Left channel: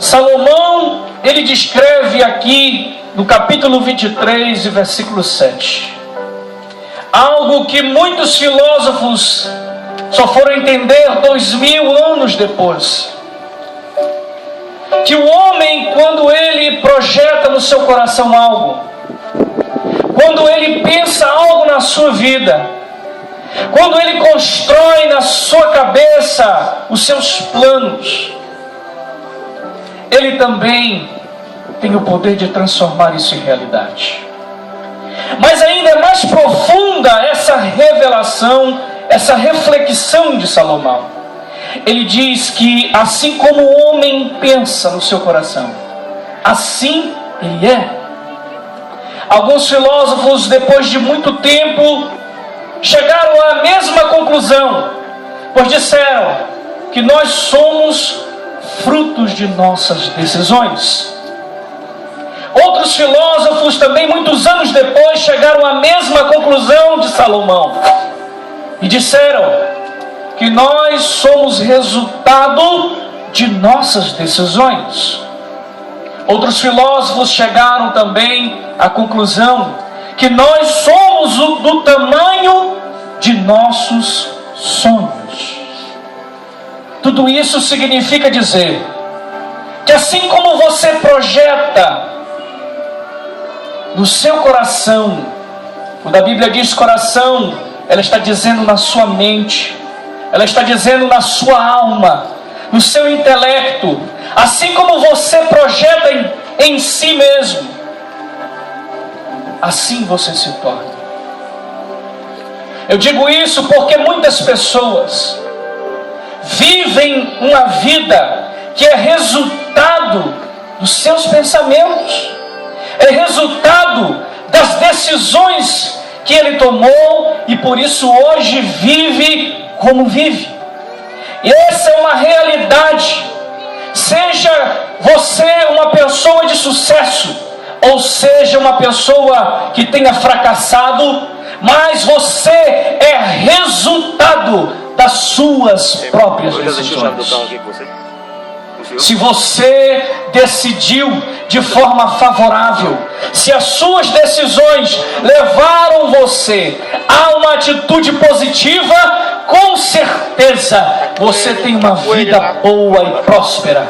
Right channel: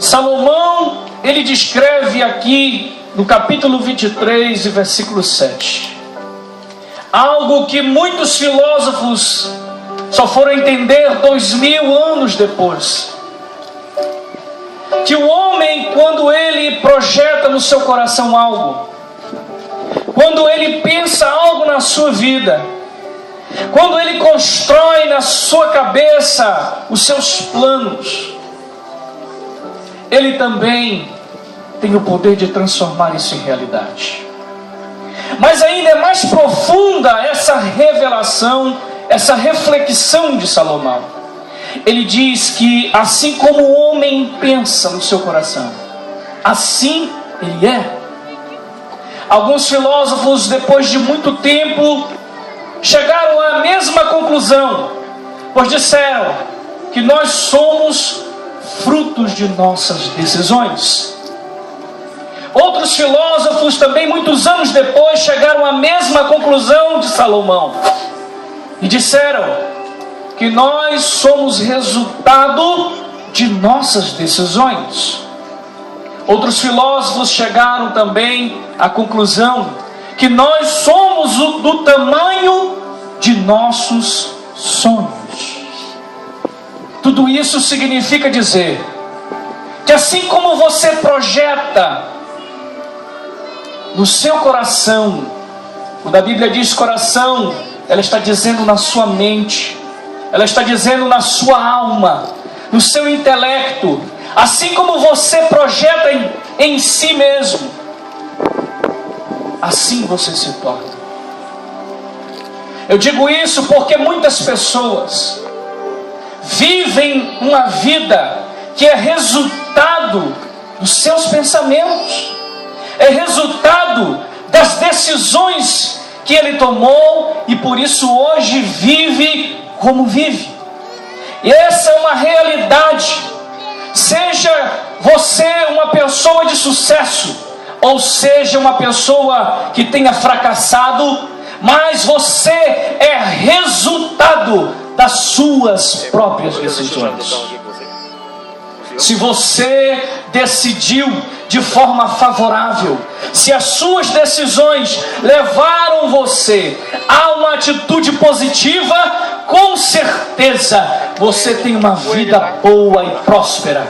Salomão, ele descreve aqui no capítulo 23 e versículo 7, algo que muitos filósofos só foram entender 2000 anos depois. Que o homem, quando ele projeta no seu coração algo, quando ele pensa algo na sua vida, quando ele constrói na sua cabeça os seus planos, ele também tem o poder de transformar isso em realidade. Mas ainda é mais profunda essa revelação, essa reflexão de Salomão. Ele diz que assim como o homem pensa no seu coração, assim ele é. Alguns filósofos, depois de muito tempo, chegaram à mesma conclusão, pois disseram que nós somos frutos de nossas decisões. Outros filósofos também, muitos anos depois, chegaram à mesma conclusão de Salomão e disseram que nós somos resultado de nossas decisões. Outros filósofos chegaram também à conclusão que nós somos do tamanho de nossos sonhos. Tudo isso significa dizer que assim como você projeta no seu coração, quando a Bíblia diz coração, ela está dizendo na sua mente, ela está dizendo na sua alma, no seu intelecto, assim como você projeta em si mesmo, assim você se torna. Eu digo isso porque muitas pessoas vivem uma vida que é resultado dos seus pensamentos, é resultado das decisões que ele tomou e por isso hoje vive como vive. E essa é uma realidade. Seja você uma pessoa de sucesso, ou seja uma pessoa que tenha fracassado, mas você é resultado das suas próprias decisões. Se você decidiu de forma favorável, se as suas decisões levaram você a uma atitude positiva, com certeza você tem uma vida boa e próspera.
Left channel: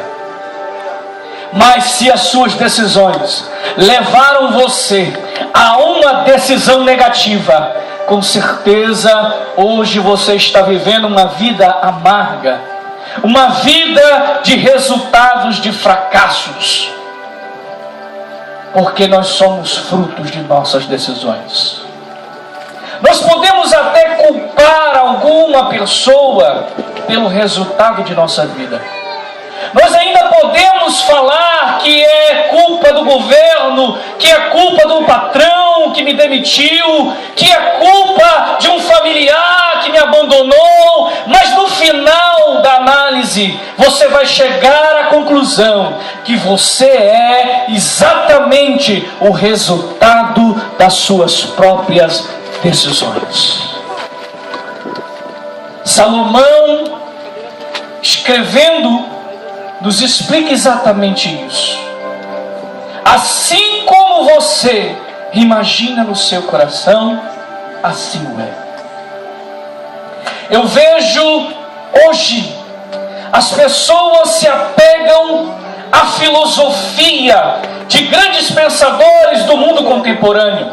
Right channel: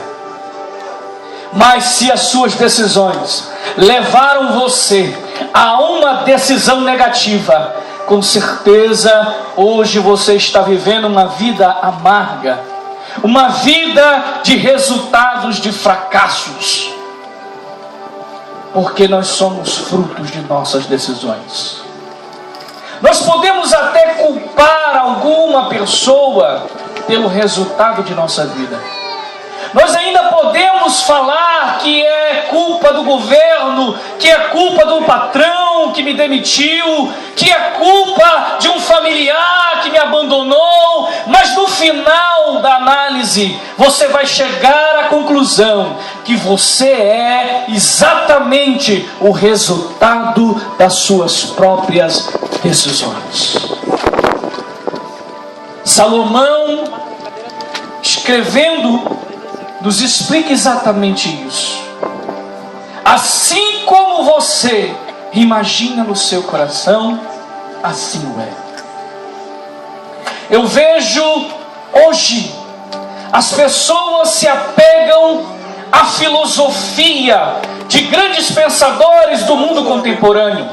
Mas se as suas decisões levaram você a uma decisão negativa, com certeza hoje você está vivendo uma vida amarga, uma vida de resultados de fracassos, porque nós somos frutos de nossas decisões. Nós podemos até culpar alguma pessoa pelo resultado de nossa vida. Nós ainda podemos falar que é culpa do governo, que é culpa do patrão que me demitiu, que é culpa de um familiar que me abandonou, mas no final da análise, você vai chegar à conclusão que você é exatamente o resultado das suas próprias decisões. Salomão, escrevendo, nos explica exatamente isso. Assim como você imagina no seu coração, assim o é. Eu vejo hoje as pessoas se apegam à filosofia de grandes pensadores do mundo contemporâneo,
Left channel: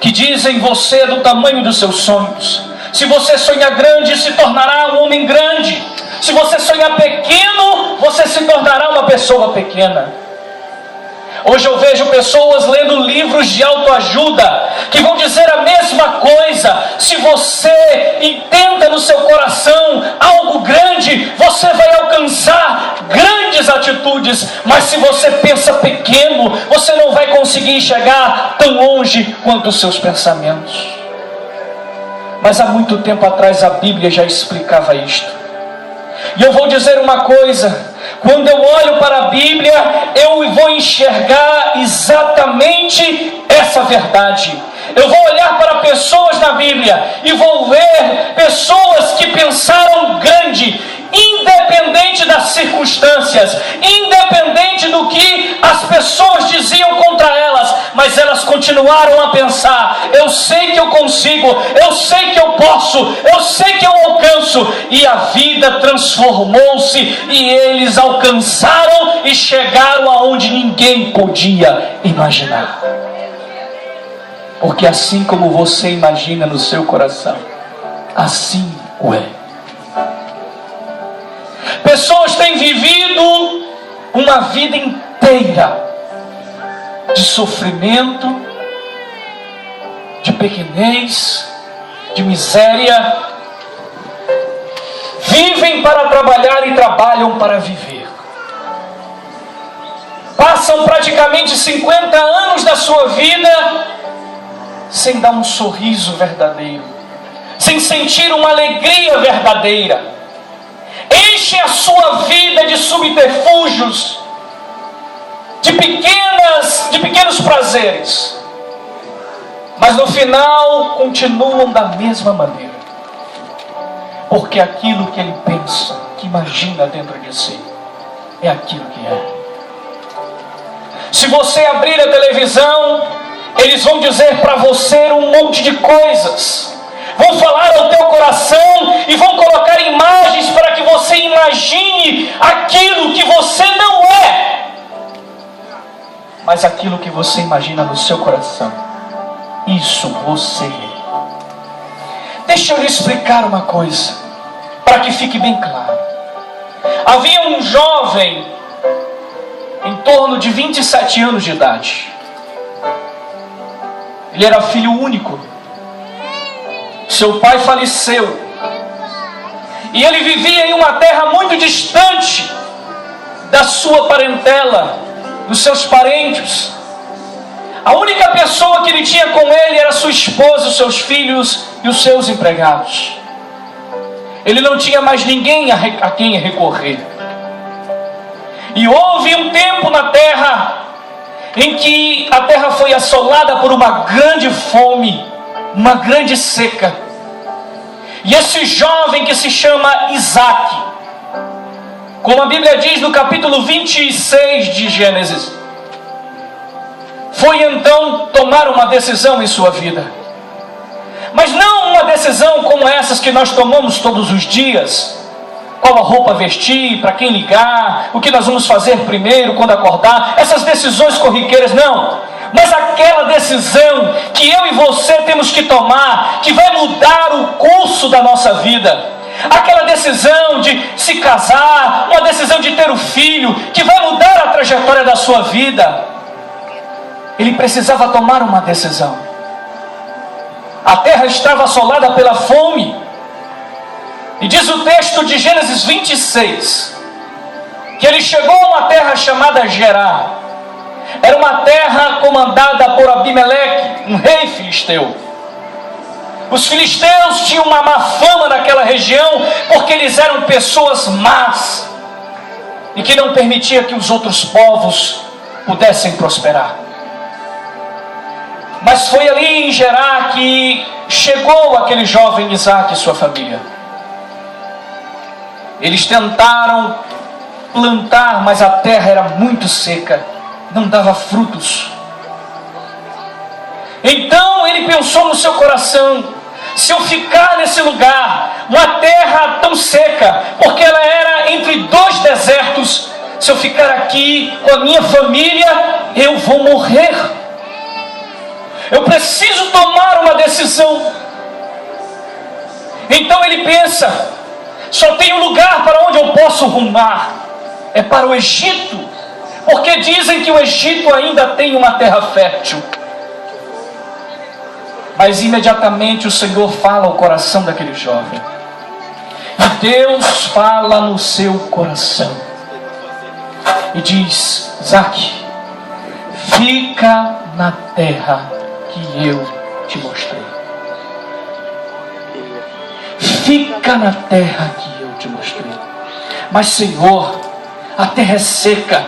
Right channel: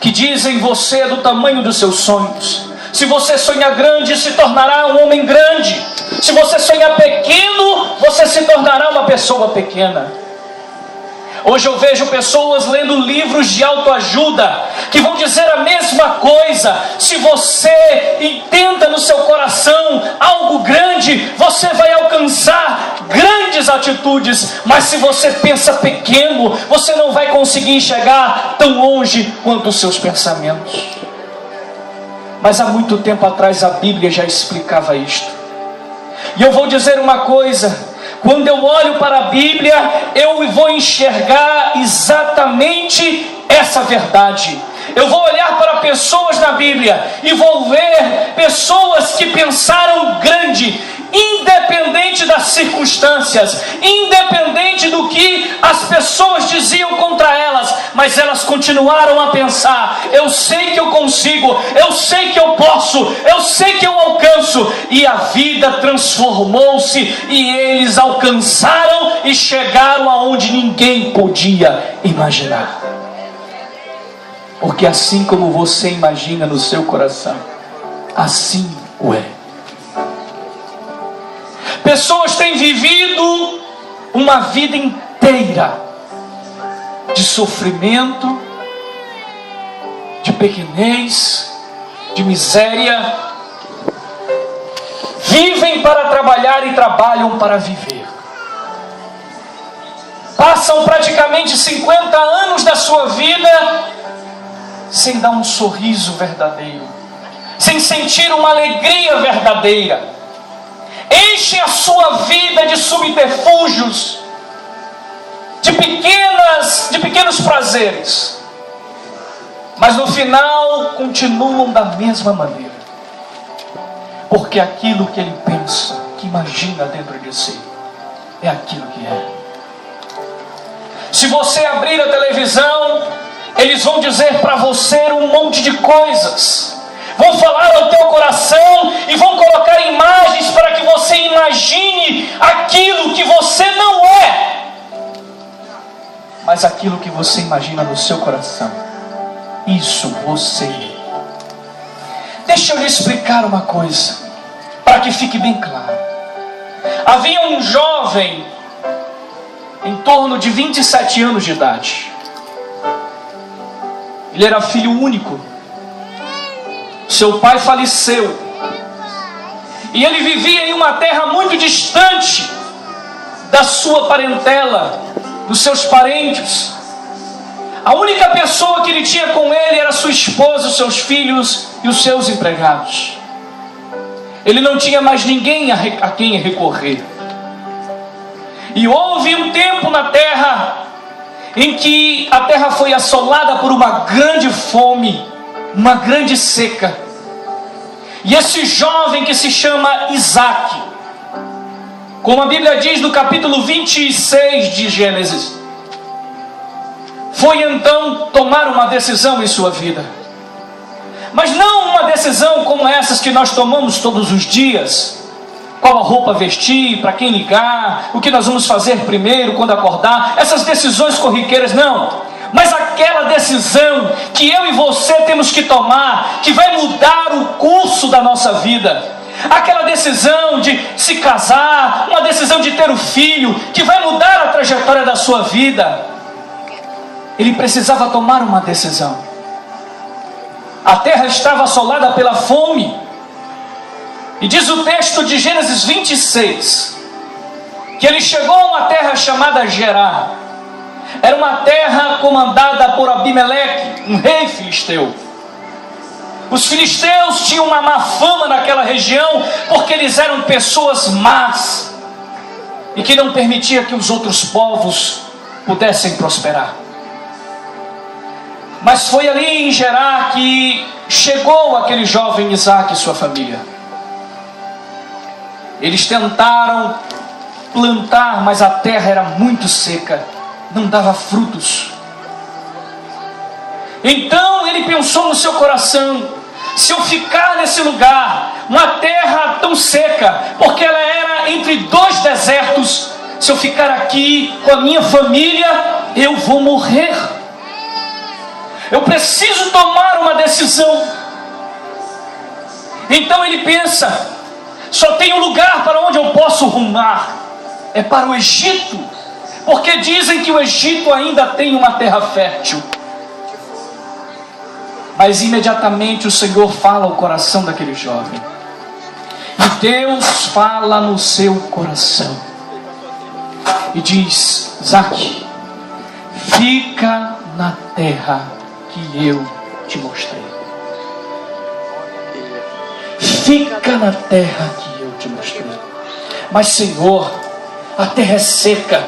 que dizem: você é do tamanho dos seus sonhos. Se você sonhar grande, se tornará um homem grande. Se você sonhar pequeno, você se tornará uma pessoa pequena. Hoje eu vejo pessoas lendo livros de autoajuda que vão dizer a mesma coisa. Se você entenda no seu coração algo grande, você vai alcançar grandes atitudes. Mas se você pensa pequeno, você não vai conseguir chegar tão longe quanto os seus pensamentos. Mas há muito tempo atrás a Bíblia já explicava isto. E eu vou dizer uma coisa: quando eu olho para a Bíblia, eu vou enxergar exatamente essa verdade. Eu vou olhar para pessoas na Bíblia e vou ver pessoas que pensaram grande, independente das circunstâncias, independente do que as pessoas diziam contra elas, mas elas continuaram a pensar: eu sei que eu consigo, eu sei que eu posso, eu sei que eu alcanço. E a vida transformou-se, e eles alcançaram e chegaram aonde ninguém podia imaginar. Porque assim como você imagina no seu coração, assim o é. Pessoas têm vivido uma vida inteira de sofrimento, de pequenez, de miséria. Vivem para trabalhar e trabalham para viver. Passam praticamente 50 anos da sua vida sem dar um sorriso verdadeiro, sem sentir uma alegria verdadeira. Enchem a sua vida de subterfúgios, de pequenos prazeres, mas no final continuam da mesma maneira, porque aquilo que ele pensa, que imagina dentro de si, é aquilo que é. Se você abrir a televisão, eles vão dizer para você um monte de coisas, vão falar ao teu coração e vão colocar imagens para que você imagine aquilo que você não é. Mas aquilo que você imagina no seu coração, isso você é. Deixa eu lhe explicar uma coisa, para que fique bem claro. Havia um jovem em torno de 27 anos de idade. Ele era filho único. Seu pai faleceu. E ele vivia em uma terra muito distante da sua parentela, dos seus parentes. A única pessoa que ele tinha com ele era sua esposa, os seus filhos e os seus empregados. Ele não tinha mais ninguém a quem recorrer. E houve um tempo na terra em que a terra foi assolada por uma grande fome, uma grande seca. E esse jovem, que se chama Isaac, como a Bíblia diz no capítulo 26 de Gênesis, foi então tomar uma decisão em sua vida. Mas não uma decisão como essas que nós tomamos todos os dias: qual a roupa vestir, para quem ligar, o que nós vamos fazer primeiro quando acordar, essas decisões corriqueiras, não. Mas aquela decisão que eu e você temos que tomar, que vai mudar o curso da nossa vida. Aquela decisão de se casar, uma decisão de ter um filho, que vai mudar a trajetória da sua vida. Ele precisava tomar uma decisão. A terra estava assolada pela fome. E diz o texto de Gênesis 26, que ele chegou a uma terra chamada Gerar. Era uma terra comandada por Abimeleque, um rei filisteu. Os filisteus tinham uma má fama naquela região, porque eles eram pessoas más, e que não permitia que os outros povos pudessem prosperar. Mas foi ali em Gerar que chegou aquele jovem Isaac e sua família. Eles tentaram plantar, mas a terra era muito seca, não dava frutos. Então ele pensou no seu coração: se eu ficar nesse lugar, uma terra tão seca, porque ela era entre dois desertos, se eu ficar aqui com a minha família, eu vou morrer. Eu preciso tomar uma decisão. Então ele pensa: só tem um lugar para onde eu posso rumar, é para o Egito, porque dizem que o Egito ainda tem uma terra fértil. Mas imediatamente o Senhor fala ao coração daquele jovem, e Deus fala no seu coração e diz: Isaac, fica na terra que eu te mostrei. Fica na terra que eu te mostrei. Mas Senhor, a terra é seca,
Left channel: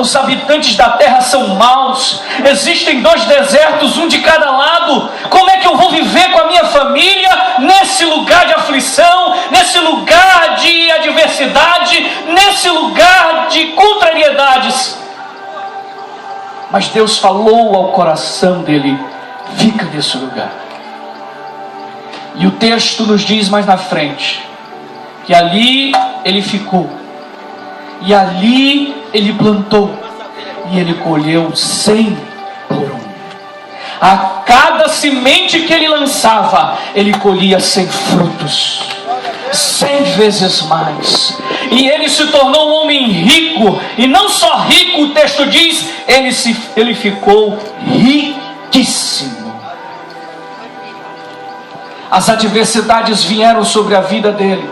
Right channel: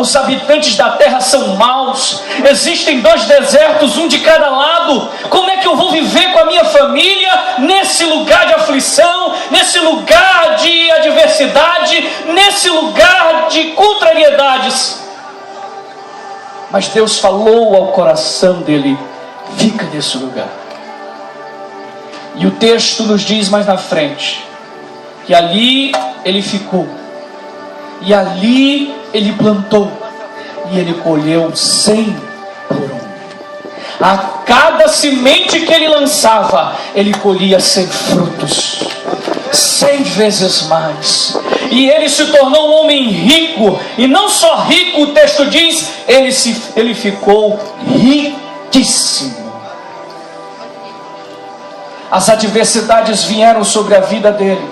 Os habitantes da terra são maus. Existem 2 desertos, um de cada lado. Como é que eu vou viver com a minha família nesse lugar de aflição, nesse lugar de adversidade, nesse lugar de contrariedades? Mas Deus falou ao coração dele: fica nesse lugar. E o texto nos diz mais na frente que ali ele ficou, e ali ele plantou, e ele colheu 100 por 1. A cada semente que ele lançava, ele colhia 100 frutos, 100 vezes mais. E ele se tornou um homem rico, e não só rico, o texto diz, ele ficou riquíssimo. As adversidades vieram sobre a vida dele,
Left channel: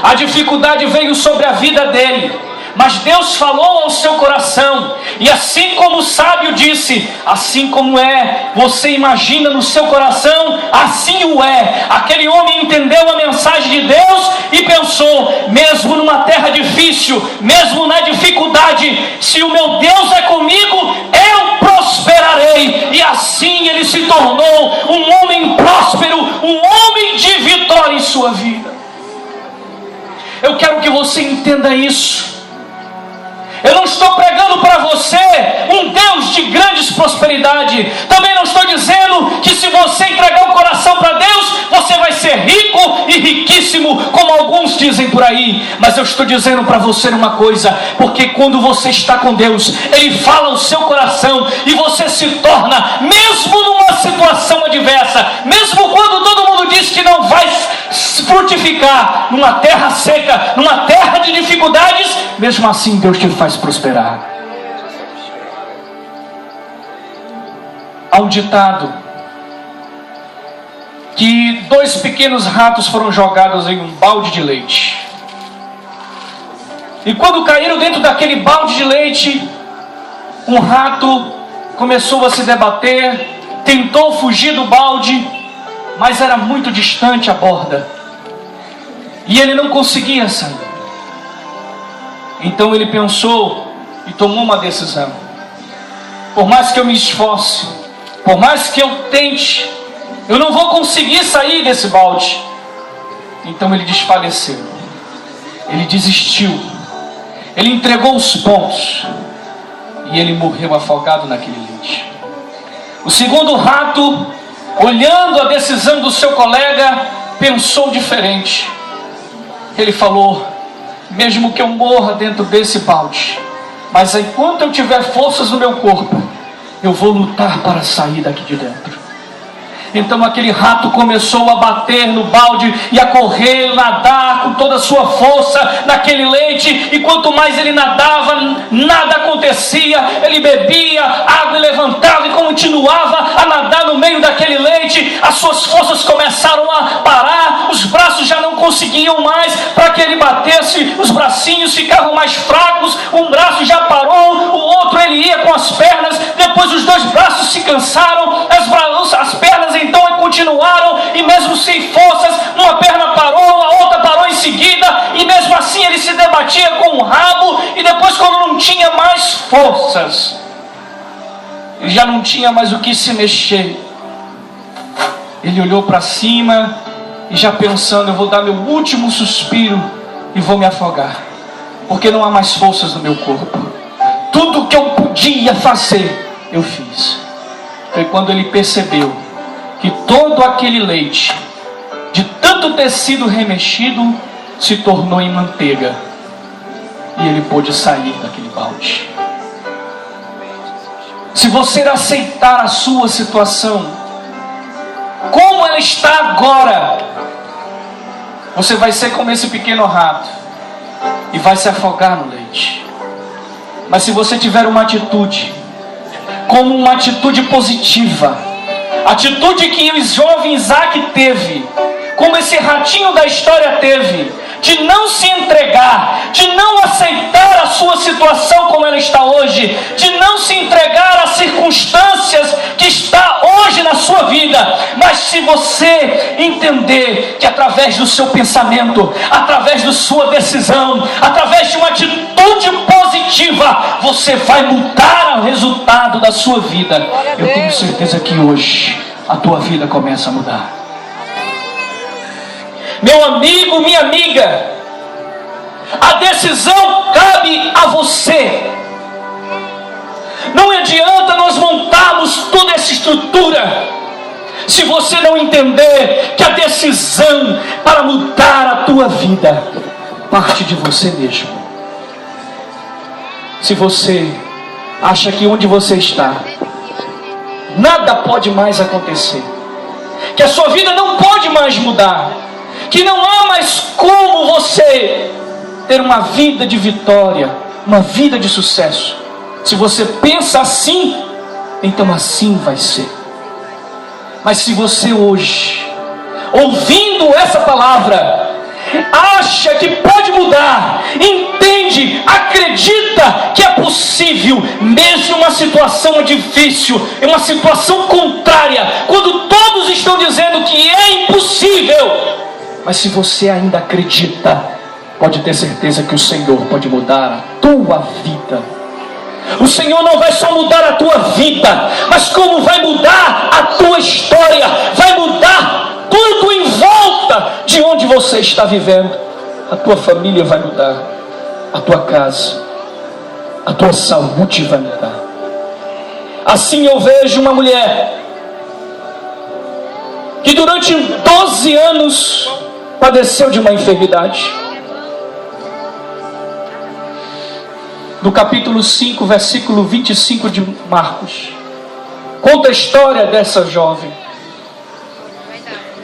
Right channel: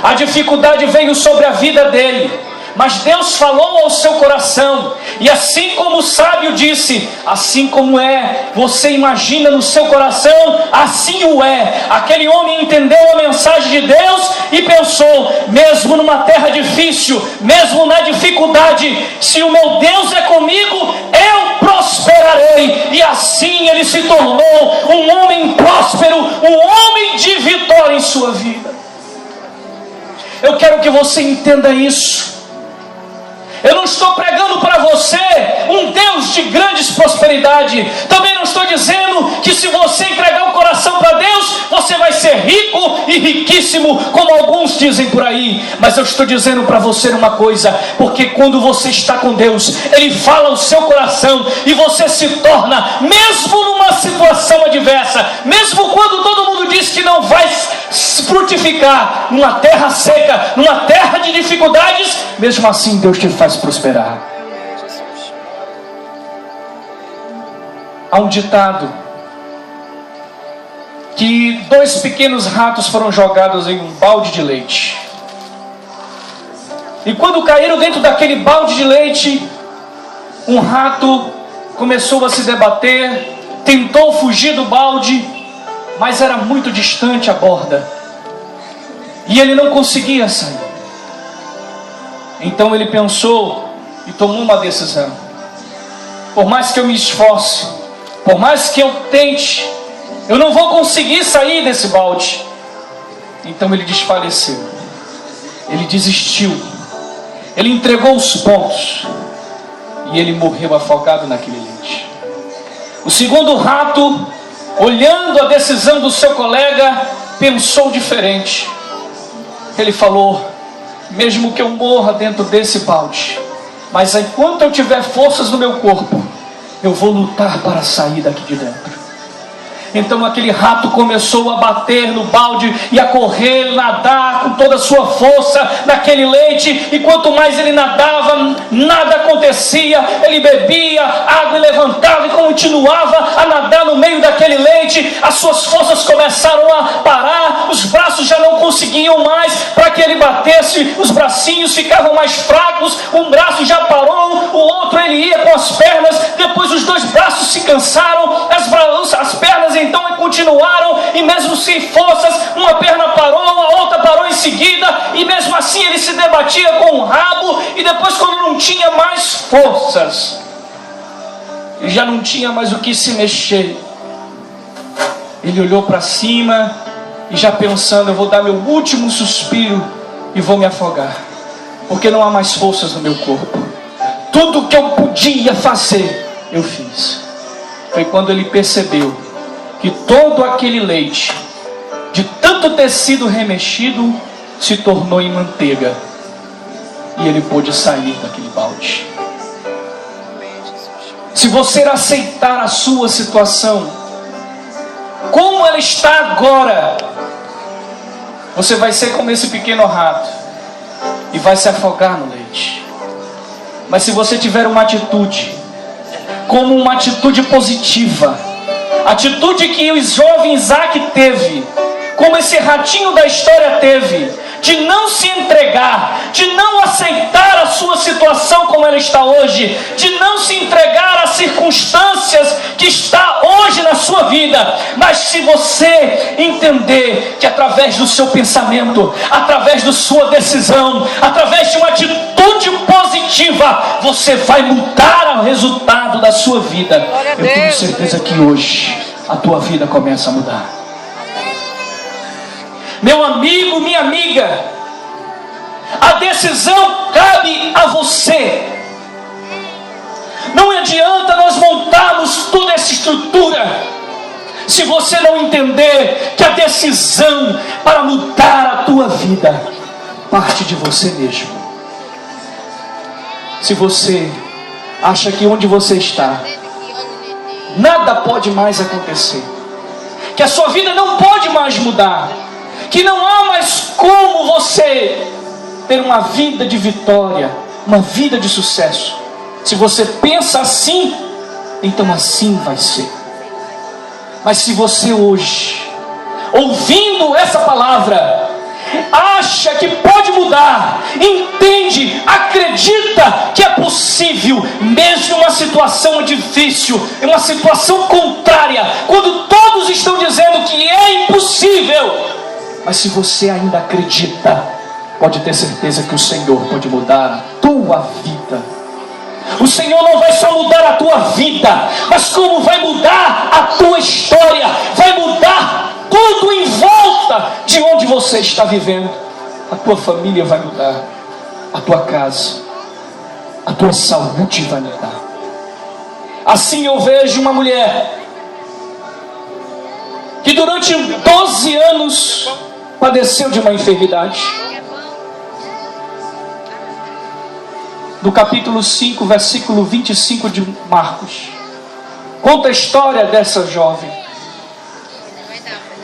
a dificuldade veio sobre a vida dele, mas Deus falou ao seu coração, e assim como o sábio disse, assim como é, você imagina no seu coração, assim o é. Aquele homem entendeu a mensagem de Deus e pensou: mesmo numa terra difícil, mesmo na dificuldade, se o meu Deus é comigo, eu prosperarei. E assim ele se tornou um homem próspero, um homem de vitória em sua vida. Eu quero que você entenda isso. Eu não estou pregando para você um Deus de grandes prosperidade. Também não estou dizendo que se você entregar o coração para Deus, você vai ser rico e riquíssimo, como alguns dizem por aí. Mas eu estou dizendo para você uma coisa, porque quando você está com Deus, Ele fala ao seu coração, e você se torna, mesmo numa situação adversa, mesmo quando todo mundo diz que não vai frutificar, numa terra seca, numa terra de dificuldades, mesmo assim Deus te faz prosperar. Há um ditado que 2 pequenos ratos foram jogados em um balde de leite, e quando caíram dentro daquele balde de leite, um rato começou a se debater, tentou fugir do balde, mas era muito distante a borda, e ele não conseguia sair. Então ele pensou e tomou uma decisão: por mais que eu me esforce, por mais que eu tente, eu não vou conseguir sair desse balde. Então ele desfaleceu, ele desistiu, ele entregou os pontos, e ele morreu afogado naquele leite. O segundo rato, olhando a decisão do seu colega, pensou diferente. Ele falou: mesmo que eu morra dentro desse balde, mas enquanto eu tiver forças no meu corpo, eu vou lutar para sair daqui de dentro. Então aquele rato começou a bater no balde e a correr, nadar com toda a sua força naquele leite, e quanto mais ele nadava, nada acontecia. Ele bebia água e levantava e continuava a nadar no meio daquele leite. As suas forças começaram a parar, os braços já não conseguiam mais para que ele batesse, os bracinhos ficavam mais fracos, um braço já parou, o outro ele ia com as pernas, depois os 2 braços se cansaram, as pernas então continuaram, e mesmo sem forças, uma perna parou, a outra parou em seguida, e mesmo assim ele se debatia com o rabo, e depois, quando não tinha mais forças, ele já não tinha mais o que se mexer, ele olhou para cima e já pensando: eu vou dar meu último suspiro e vou me afogar, porque não há mais forças no meu corpo. Tudo que eu podia fazer, eu fiz. Foi quando ele percebeu que todo aquele leite, de tanto ter sido remexido, se tornou em manteiga, e ele pôde sair daquele balde. Se você aceitar a sua situação como ela está agora, você vai ser como esse pequeno rato e vai se afogar no leite. Mas se você tiver uma atitude, como uma atitude positiva, atitude que o jovem Isaac teve, como esse ratinho da história teve, de não se entregar, de não aceitar a sua situação como ela está hoje, de não se entregar às circunstâncias que está hoje na sua vida, mas se você entender que através do seu pensamento, através da sua decisão, através de uma atitude positiva, negativa, você vai mudar o resultado da sua vida. Eu tenho certeza que hoje a tua vida começa a mudar. Meu amigo, minha amiga, a decisão cabe a você. Não adianta nós montarmos toda essa estrutura se você não entender que a decisão para mudar a tua vida parte de você mesmo. Se você acha que onde você está nada pode mais acontecer, que a sua vida não pode mais mudar, que não há mais como você ter uma vida de vitória, uma vida de sucesso, se você pensa assim, então assim vai ser. Mas se você hoje, ouvindo essa palavra, acha que pode mudar, entende, acredita que é possível, mesmo em uma situação difícil, em uma situação contrária, quando todos estão dizendo que é impossível, mas se você ainda acredita, pode ter certeza que o Senhor pode mudar a tua vida. O Senhor não vai só mudar a tua vida, mas como vai mudar a tua história, vai mudar tudo em volta de onde você está vivendo. A tua família vai mudar, a tua casa, a tua saúde vai mudar. Assim eu vejo uma mulher que durante 12 anos padeceu de uma enfermidade. No capítulo 5, versículo 25 de Marcos, conta a história dessa jovem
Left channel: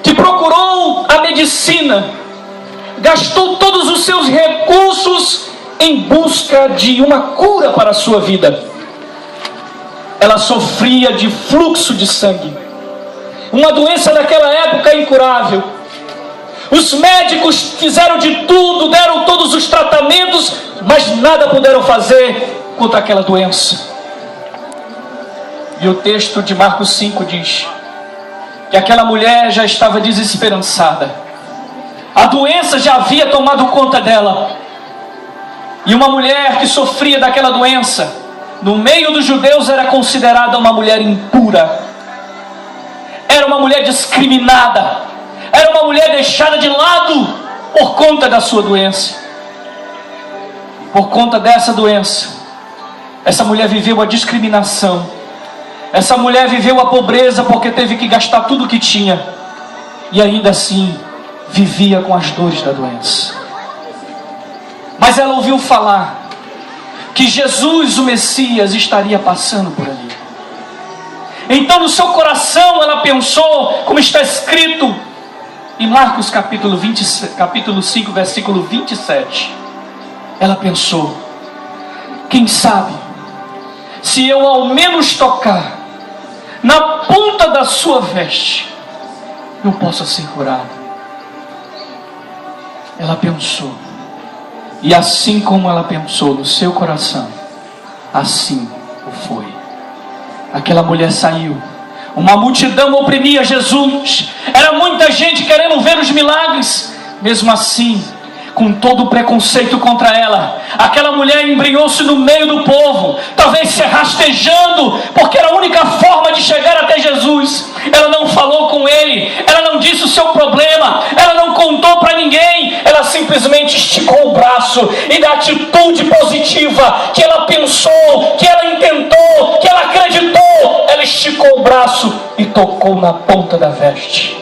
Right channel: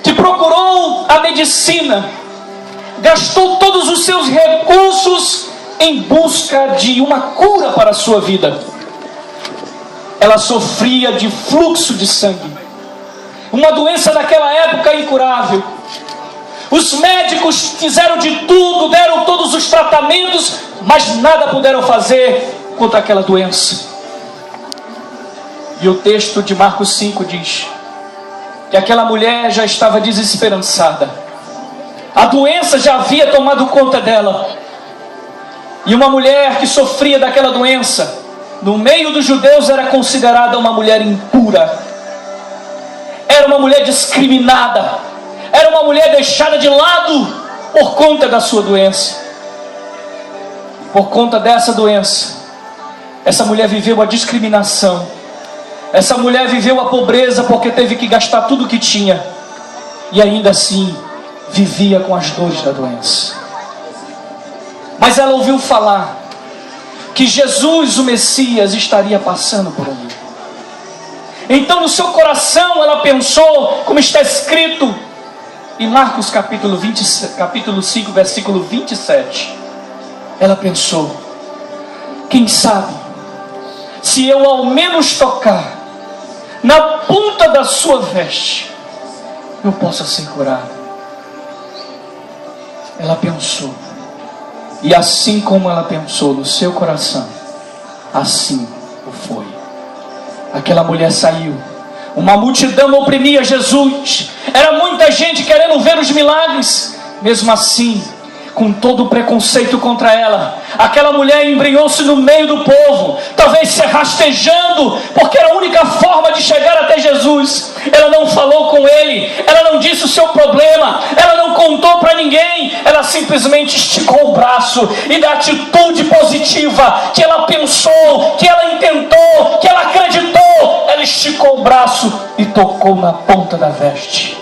que procurou a medicina, gastou todos os seus recursos em busca de uma cura para a sua vida. Ela sofria de fluxo de sangue, uma doença daquela época incurável. Os médicos fizeram de tudo, deram todos os tratamentos, mas nada puderam fazer contra aquela doença. E o texto de Marcos 5 diz que aquela mulher já estava desesperançada. A doença já havia tomado conta dela. E uma mulher que sofria daquela doença, no meio dos judeus, era considerada uma mulher impura. Era uma mulher discriminada. Era uma mulher deixada de lado por conta da sua doença. Por conta dessa doença, essa mulher viveu a discriminação. Essa mulher viveu a pobreza porque teve que gastar tudo o que tinha. E ainda assim, vivia com as dores da doença. Mas ela ouviu falar que Jesus, o Messias, estaria passando por ali. Então no seu coração ela pensou, como está escrito em Marcos capítulo 5, versículo 27, ela pensou: quem sabe, se eu ao menos tocar na ponta da sua veste, eu possa ser curada. Ela pensou, e assim como ela pensou no seu coração, assim o foi. Aquela mulher saiu. Uma multidão oprimia Jesus. Era muita gente querendo ver os milagres. Mesmo assim, com todo o preconceito contra ela, aquela mulher embrenhou-se no meio do povo, talvez se rastejando, porque era a única forma de chegar até Jesus. Ela não falou com ele, ela não disse o seu problema, ela não contou para ninguém, ela simplesmente esticou o braço, e da atitude positiva que ela pensou, que ela intentou, que ela acreditou, ela esticou o braço e tocou na ponta da veste.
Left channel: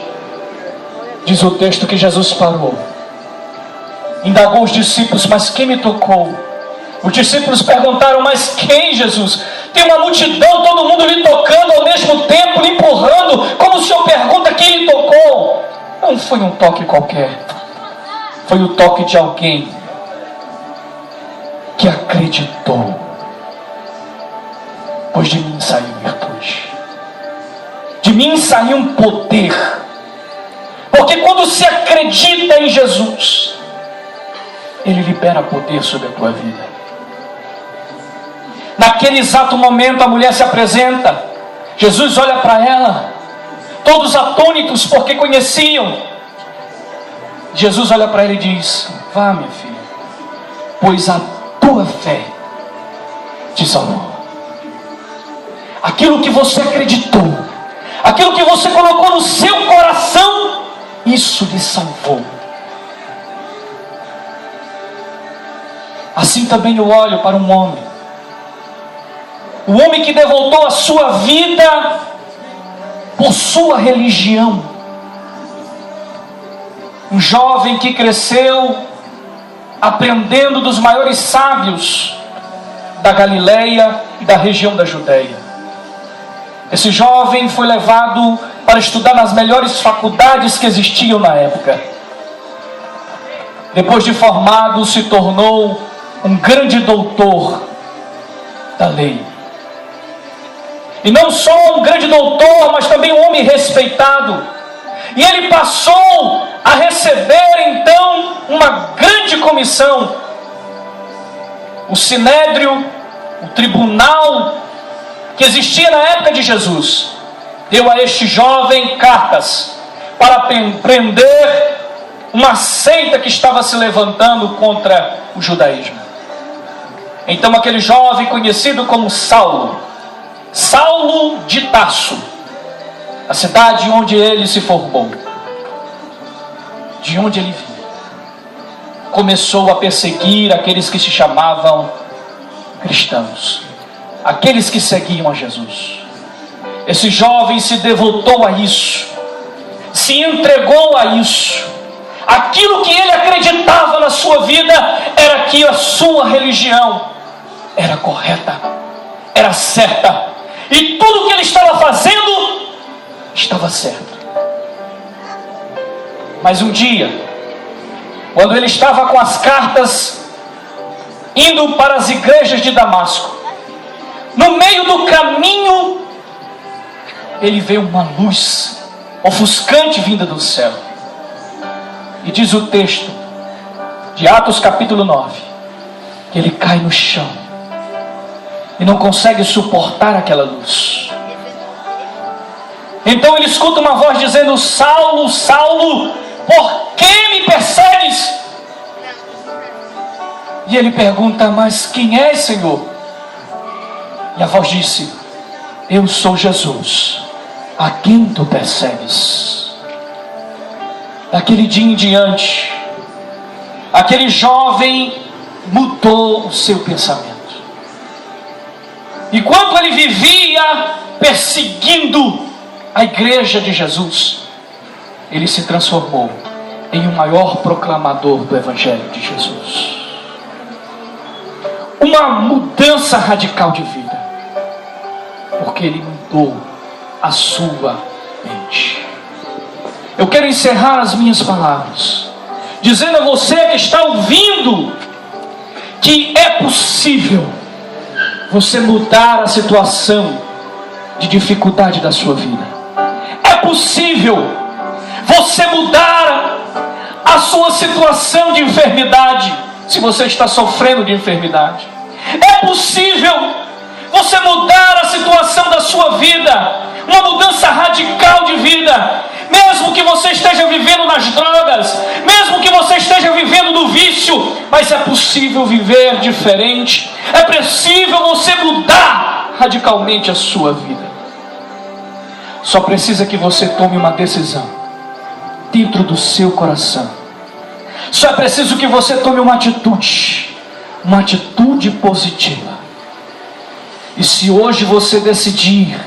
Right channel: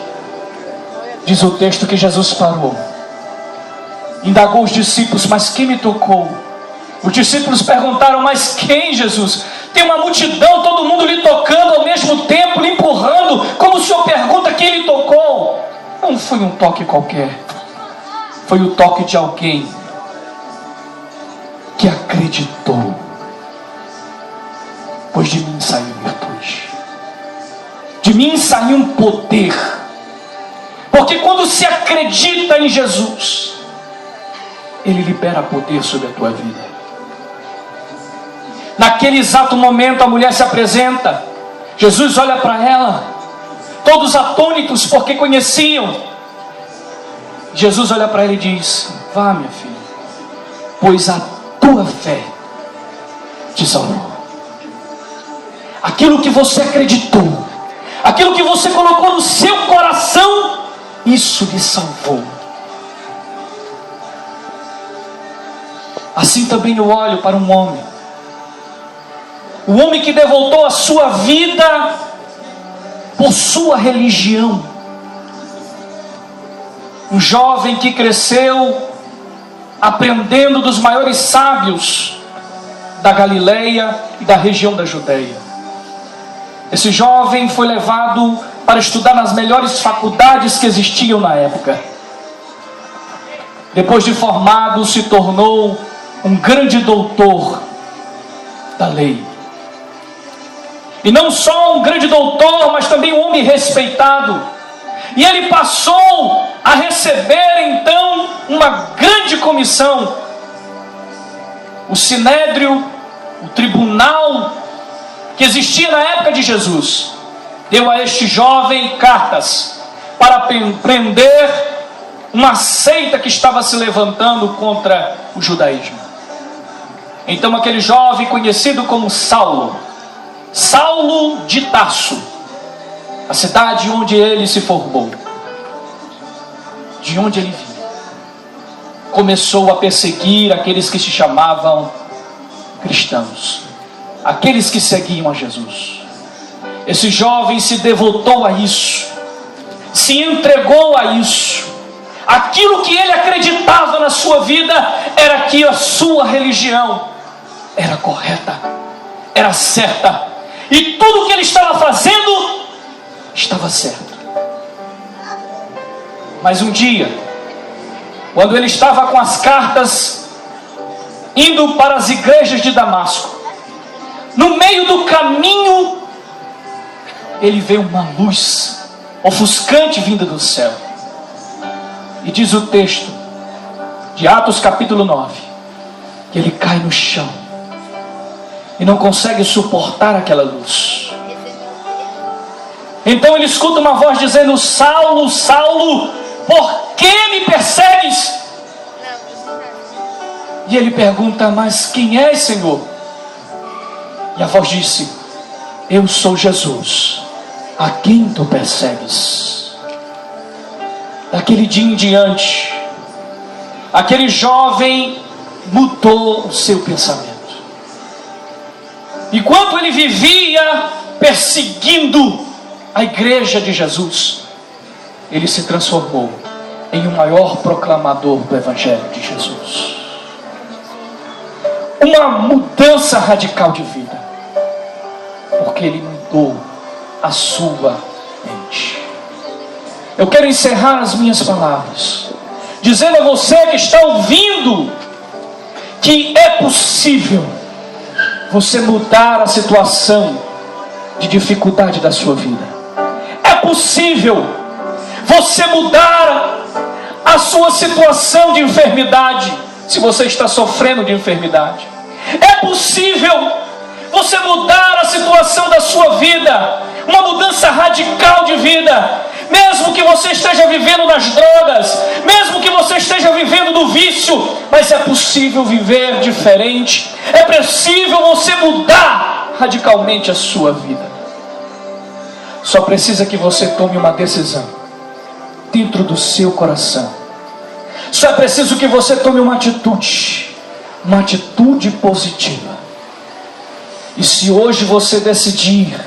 Diz o texto que Jesus parou, indagou os discípulos: mas quem me tocou? Os discípulos perguntaram: mas quem, Jesus? Tem uma multidão, todo mundo lhe tocando ao mesmo tempo, lhe empurrando, como o Senhor pergunta quem lhe tocou? Não foi um toque qualquer, foi o toque de alguém que acreditou. Pois de mim saiu virtude, de mim saiu um poder, porque quando se acredita em Jesus, Ele libera poder sobre a tua vida. Naquele exato momento a mulher se apresenta. Jesus olha para ela, todos atônitos porque conheciam. Jesus olha para ela e diz: vá, minha filha, pois a tua fé te salvou. Aquilo que você acreditou, aquilo que você colocou no seu coração, isso lhe salvou. Assim também eu olho para um homem, o homem que devotou a sua vida por sua religião, um jovem que cresceu aprendendo dos maiores sábios da Galileia e da região da Judeia. Esse jovem foi levado para estudar nas melhores faculdades que existiam na época. Depois de formado, se tornou um grande doutor da lei. E não só um grande doutor, mas também um homem respeitado. E ele passou a receber então uma grande comissão. O sinédrio, o tribunal que existia na época de Jesus, deu a este jovem cartas para prender uma seita que estava se levantando contra o judaísmo. Então aquele jovem, conhecido como Saulo de Tarso, a cidade onde ele se formou, de onde ele vinha, começou a perseguir aqueles que se chamavam cristãos, aqueles que seguiam a Jesus. Esse jovem se devotou a isso, se entregou a isso. Aquilo que ele acreditava na sua vida era que a sua religião era correta, era certa, e tudo que ele estava fazendo estava certo. Mas um dia, quando ele estava com as cartas indo para as igrejas de Damasco, no meio do caminho ele vê uma luz ofuscante vinda do céu. E diz o texto de Atos capítulo 9, que ele cai no chão e não consegue suportar aquela luz. Então ele escuta uma voz dizendo: Saulo, Saulo, por que me persegues? E ele pergunta: mas quem és, Senhor? E a voz disse: eu sou Jesus, a quem tu persegues. Daquele dia em diante, aquele jovem mudou o seu pensamento. Enquanto ele vivia perseguindo a igreja de Jesus, ele se transformou em o maior proclamador do Evangelho de Jesus. Uma mudança radical de vida, porque ele mudou a sua mente. Eu quero encerrar as minhas palavras dizendo a você que está ouvindo que é possível você mudar a situação de dificuldade da sua vida. É possível você mudar a sua situação de enfermidade, se você está sofrendo de enfermidade. É possível você mudar a situação da sua vida, uma mudança radical de vida. Mesmo que você esteja vivendo nas drogas, mesmo que você esteja vivendo no vício, mas é possível viver diferente. É possível você mudar radicalmente a sua vida. Só precisa que você tome uma decisão dentro do seu coração. Só é preciso que você tome uma atitude positiva. E se hoje você decidir,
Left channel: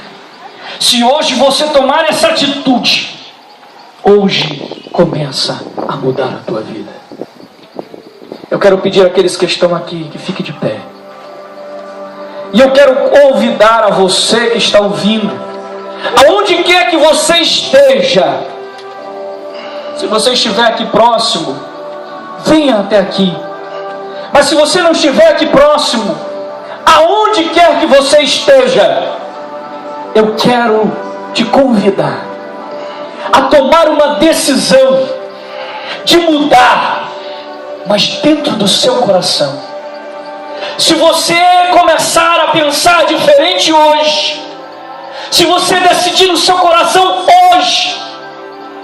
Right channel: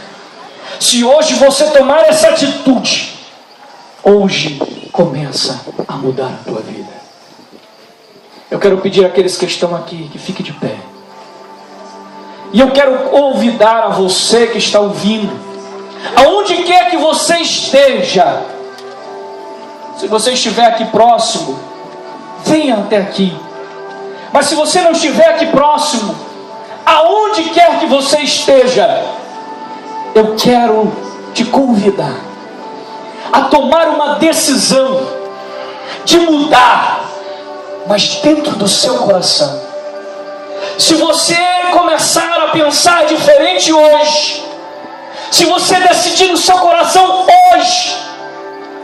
se hoje você tomar essa atitude, hoje começa a mudar a tua vida. Eu quero pedir àqueles que estão aqui que fiquem de pé. E eu quero convidar a você que está ouvindo, aonde quer que você esteja, se você estiver aqui próximo, venha até aqui. Mas se você não estiver aqui próximo, aonde quer que você esteja, eu quero te convidar a tomar uma decisão de mudar, mas dentro do seu coração. Se você começar a pensar diferente hoje, se você decidir no seu coração hoje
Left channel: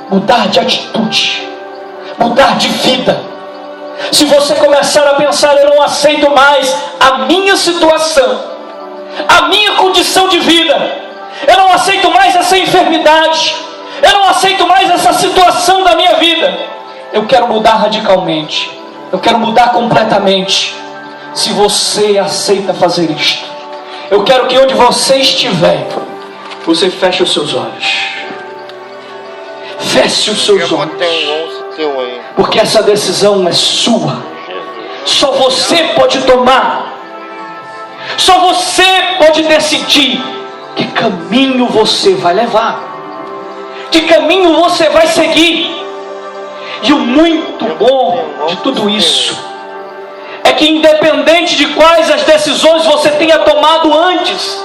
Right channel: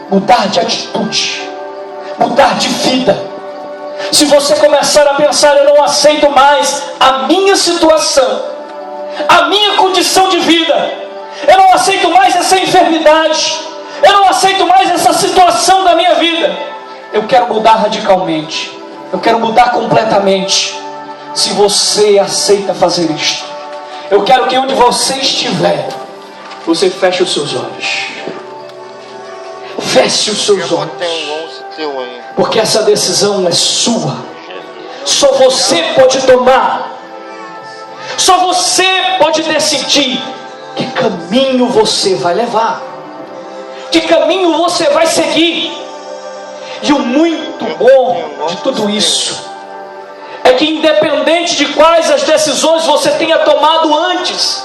mudar de atitude, mudar de vida, se você começar a pensar: eu não aceito mais a minha situação, a minha condição de vida. Eu não aceito mais essa enfermidade. Eu não aceito mais essa situação da minha vida. Eu quero mudar radicalmente. Eu quero mudar completamente. Se você aceita fazer isto, eu quero que onde você estiver, você feche os seus olhos. Feche os seus olhos. Porque essa decisão é sua. Só você pode tomar. Só você pode decidir que caminho você vai levar, que caminho você vai seguir. E o muito bom de tudo isso é que independente de quais as decisões você tenha tomado antes,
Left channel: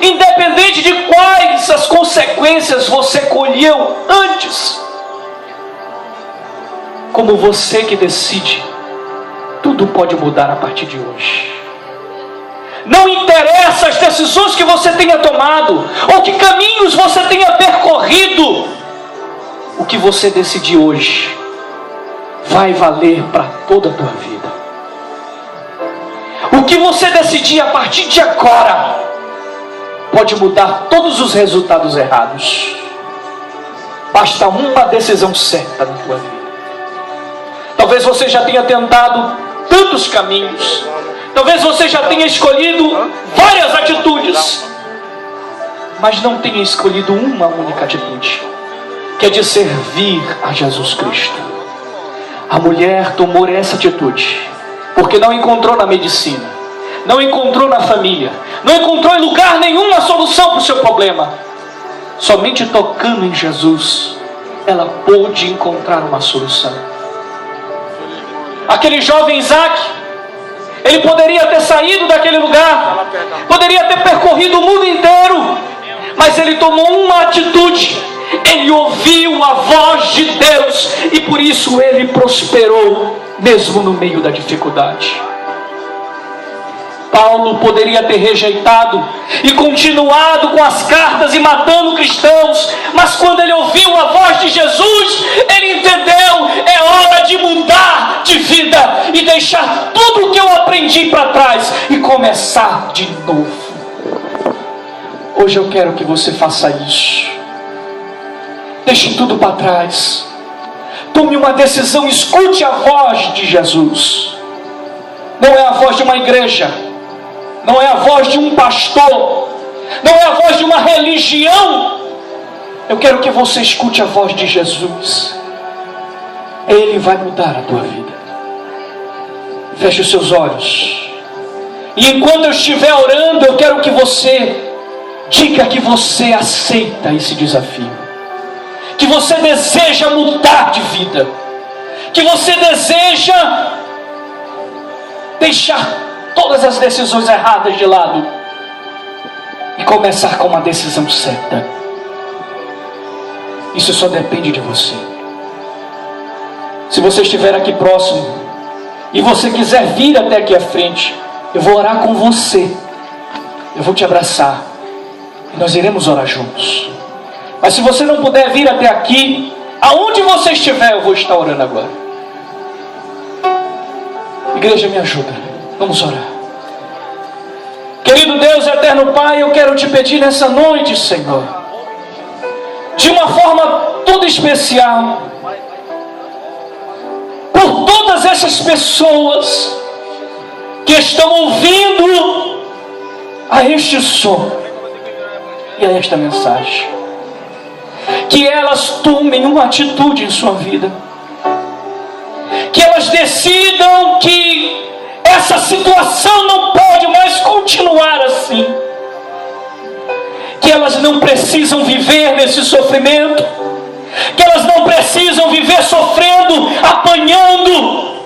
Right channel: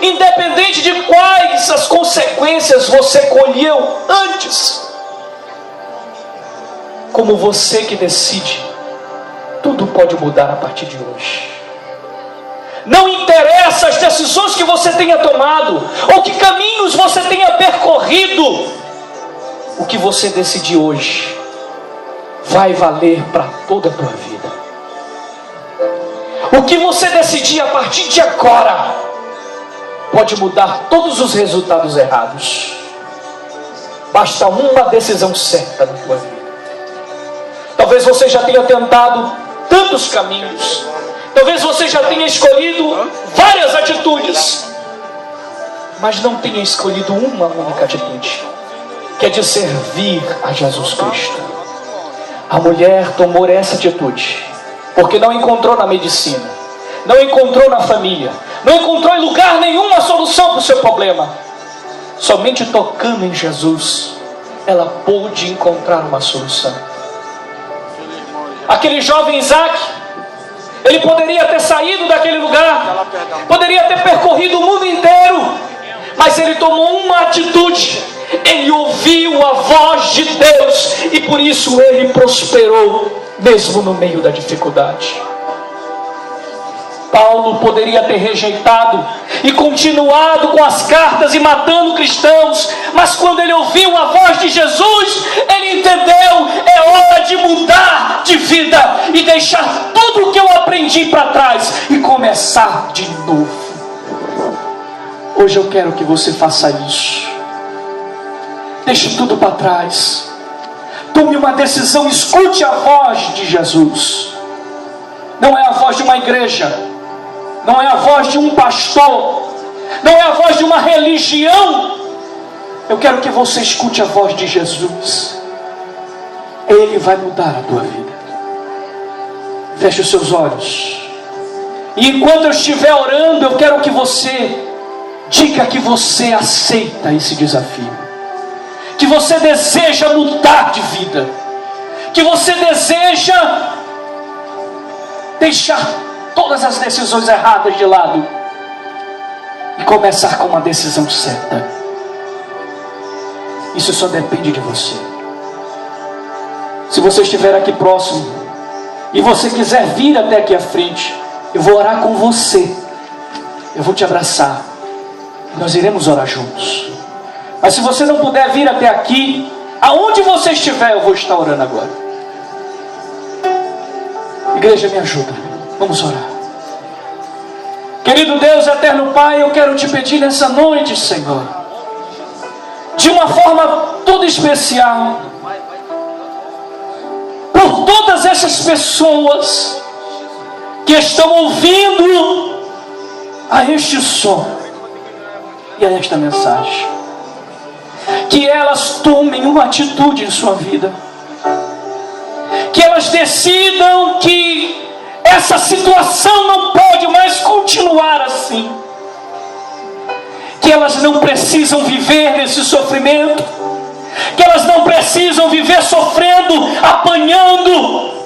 independente de quais as consequências você colheu antes, como você que decide, tudo pode mudar a partir de hoje. Não interessa as decisões que você tenha tomado, ou que caminhos você tenha percorrido, o que você decidir hoje vai valer para toda a tua vida. O que você decidir a partir de agora pode mudar todos os resultados errados. Basta uma decisão certa na tua vida. Talvez você já tenha tentado tantos caminhos. Talvez você já tenha escolhido várias atitudes, mas não tenha escolhido uma única atitude, que é de servir a Jesus Cristo. A mulher tomou essa atitude, porque não encontrou na medicina, não encontrou na família, não encontrou em lugar nenhum a solução para o seu problema. Somente tocando em Jesus, ela pôde encontrar uma solução. Aquele jovem Isaac, ele poderia ter saído daquele lugar, poderia ter percorrido o mundo inteiro, mas ele tomou uma atitude. Ele ouviu a voz de Deus e por isso ele prosperou, mesmo no meio da dificuldade. Paulo poderia ter rejeitado e continuado com as cartas e matando cristãos, mas quando ele ouviu a voz de Jesus, ele entendeu: é hora de mudar de vida e deixar tudo o que eu aprendi para trás e começar de novo. Hoje eu quero que você faça isso. Deixe tudo para trás. Tome uma decisão, escute a voz de Jesus. Não é a voz de uma igreja, não é a voz de um pastor, não é a voz de uma religião. Eu quero que você escute a voz de Jesus. Ele vai mudar a tua vida. Feche os seus olhos. E enquanto eu estiver orando, eu quero que você diga que você aceita esse desafio, que você deseja mudar de vida, que você deseja deixar todas as decisões erradas de lado e começar com uma decisão certa. Isso só depende de você. Se você estiver aqui próximo e você quiser vir até aqui à frente, eu vou orar com você, eu vou te abraçar e nós iremos orar juntos. Mas se você não puder vir até aqui, aonde você estiver, eu vou estar orando agora. Igreja, me ajuda, vamos orar. Querido Deus, eterno Pai, eu quero te pedir nessa noite, Senhor, de uma forma toda especial, por todas essas pessoas que estão ouvindo a este som e a esta mensagem, que elas tomem uma atitude em sua vida, que elas decidam que essa situação não pode mais continuar assim, que elas não precisam viver nesse sofrimento, que elas não precisam viver sofrendo, apanhando,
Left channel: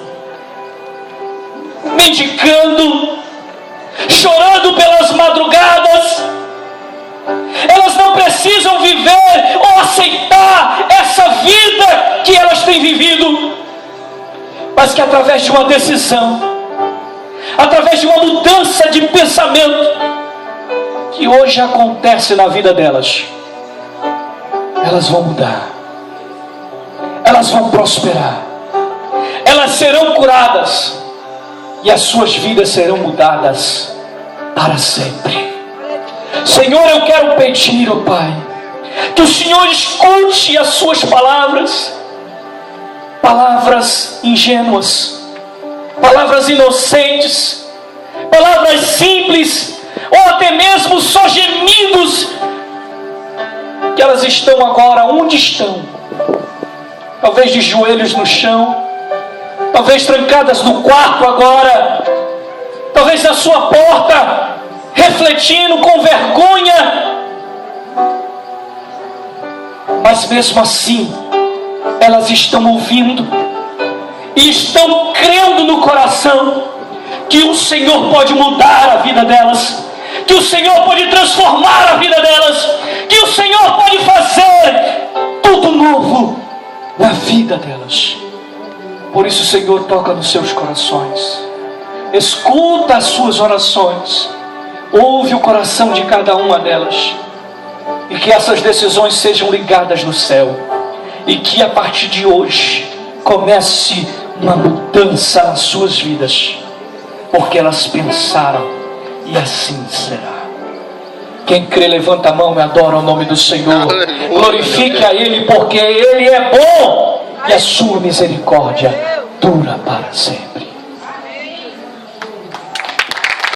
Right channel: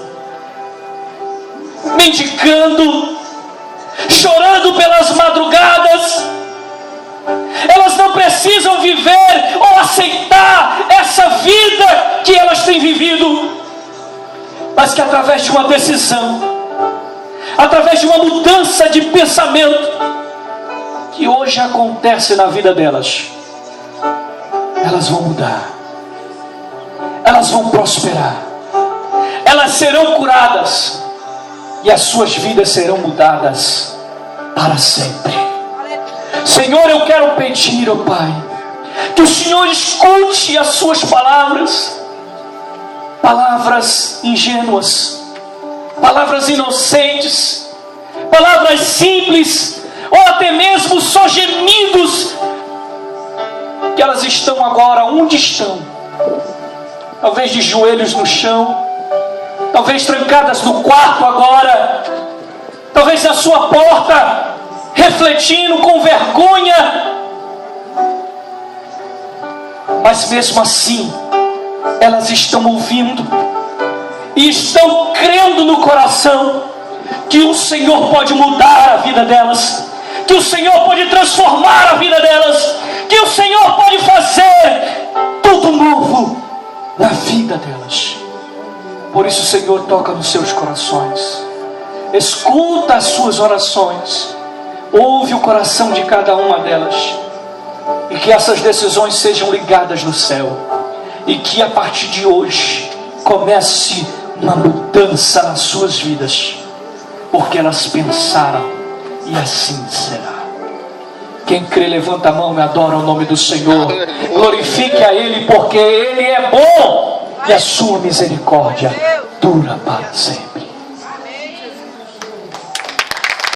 mendicando, chorando pelas madrugadas. Elas não precisam viver ou aceitar essa vida que elas têm vivido, mas que através de uma decisão, através de uma mudança de pensamento que hoje acontece na vida delas, elas vão mudar, elas vão prosperar, elas serão curadas e as suas vidas serão mudadas para sempre. Senhor, eu quero pedir, ó Pai, que o Senhor escute as suas palavras, palavras ingênuas, palavras inocentes, palavras simples, ou até mesmo só gemidos, que elas estão agora onde estão, talvez de joelhos no chão, talvez trancadas no quarto agora, talvez na sua porta, refletindo com vergonha, mas mesmo assim, elas estão ouvindo, e estão crendo no coração, que o Senhor pode mudar a vida delas, que o Senhor pode transformar a vida delas, que o Senhor pode fazer tudo novo na vida delas. Por isso, Senhor, toca nos seus corações, escuta as suas orações, ouve o coração de cada uma delas, e que essas decisões sejam ligadas no céu, e que a partir de hoje comece uma mudança nas suas vidas, porque elas pensaram, e assim será. Quem crê, levanta a mão e adora o nome do Senhor. Glorifique a Ele, porque Ele é bom, e a sua misericórdia dura para sempre.